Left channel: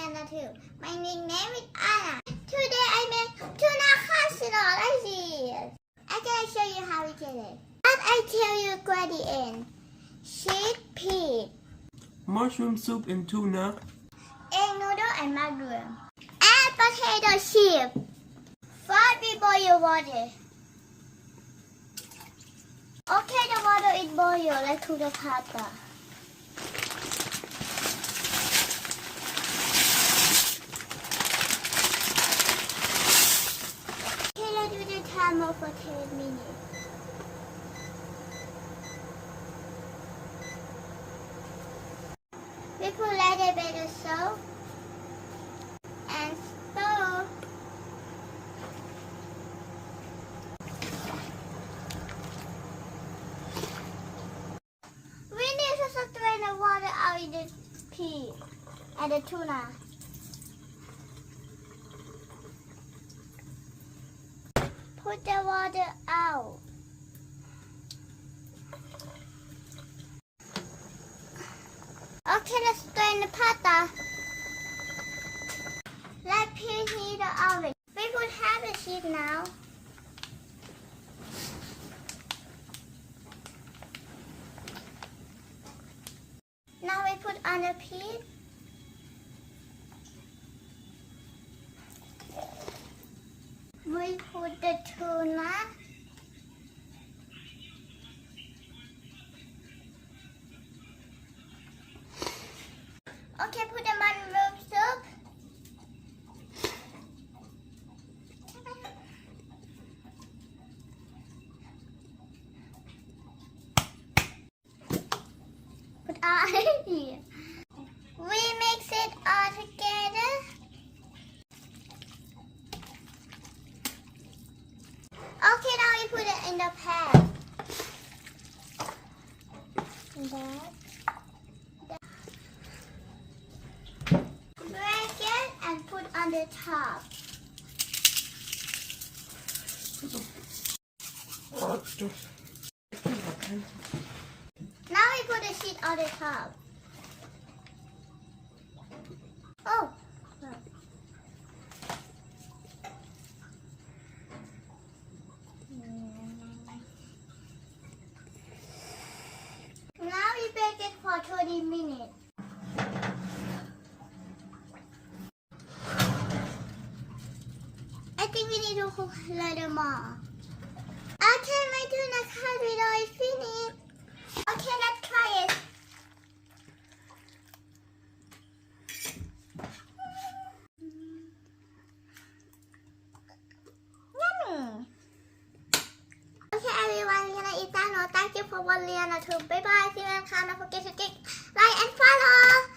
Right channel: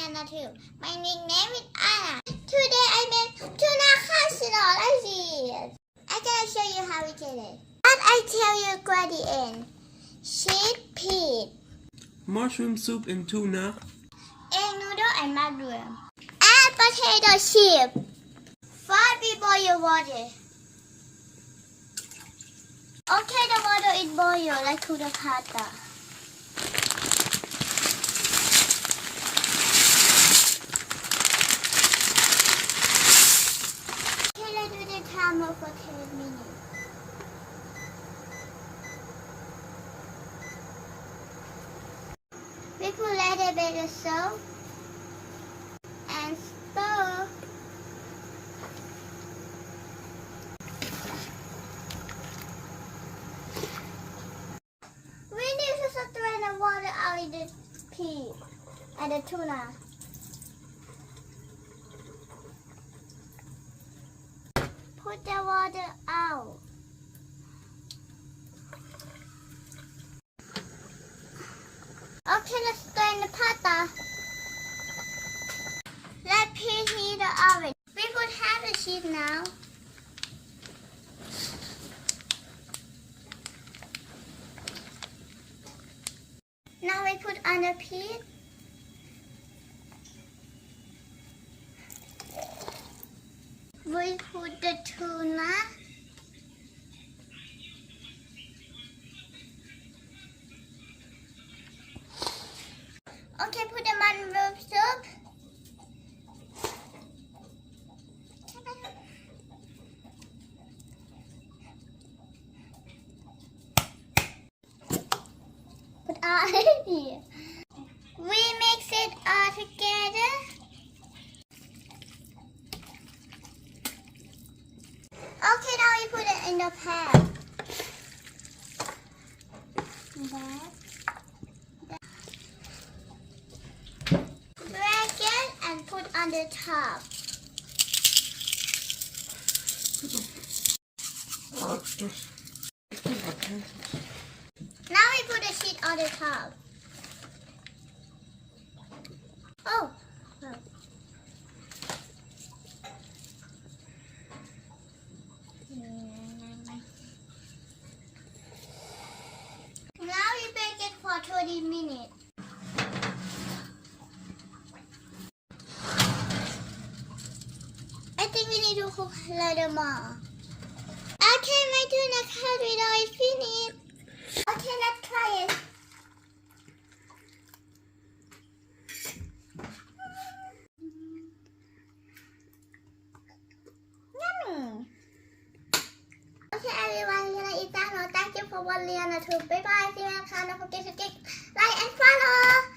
Liana too. My nickname is Anna. Today I made tuna casserole. I see it. I'm gonna show you how we did it. But I tell you ingredient. Sheep pea. Mushroom soup and tuna. Egg noodle and mushroom. Add potato chip. First we boil water. Okay, the water is boiled like to the pasta. Okay, let's do the timer for 10 minutes. We could let it be the soap and stir. We need to strain the water out in the pea and the tuna. Put the water out. Okay, let's strain the pasta. Let pea heat the oven. We could have the sheep now. Now we put on the pea. We put the tuna. Okay, put the mushroom soup. Put all here. We mix it all together. Okay, now we put it in the pan. Break it and put on the top. Now we put the sheet on the top. Oh. Now we bake it for 20 minutes. I think we need to cook a little more. Okay, my tuna casserole is finished. Okay, let's try it. Yummy. Okay, everyone, we're gonna eat that now. Thank you for watching. Bye bye. See you next time. Don't forget to click like and follow.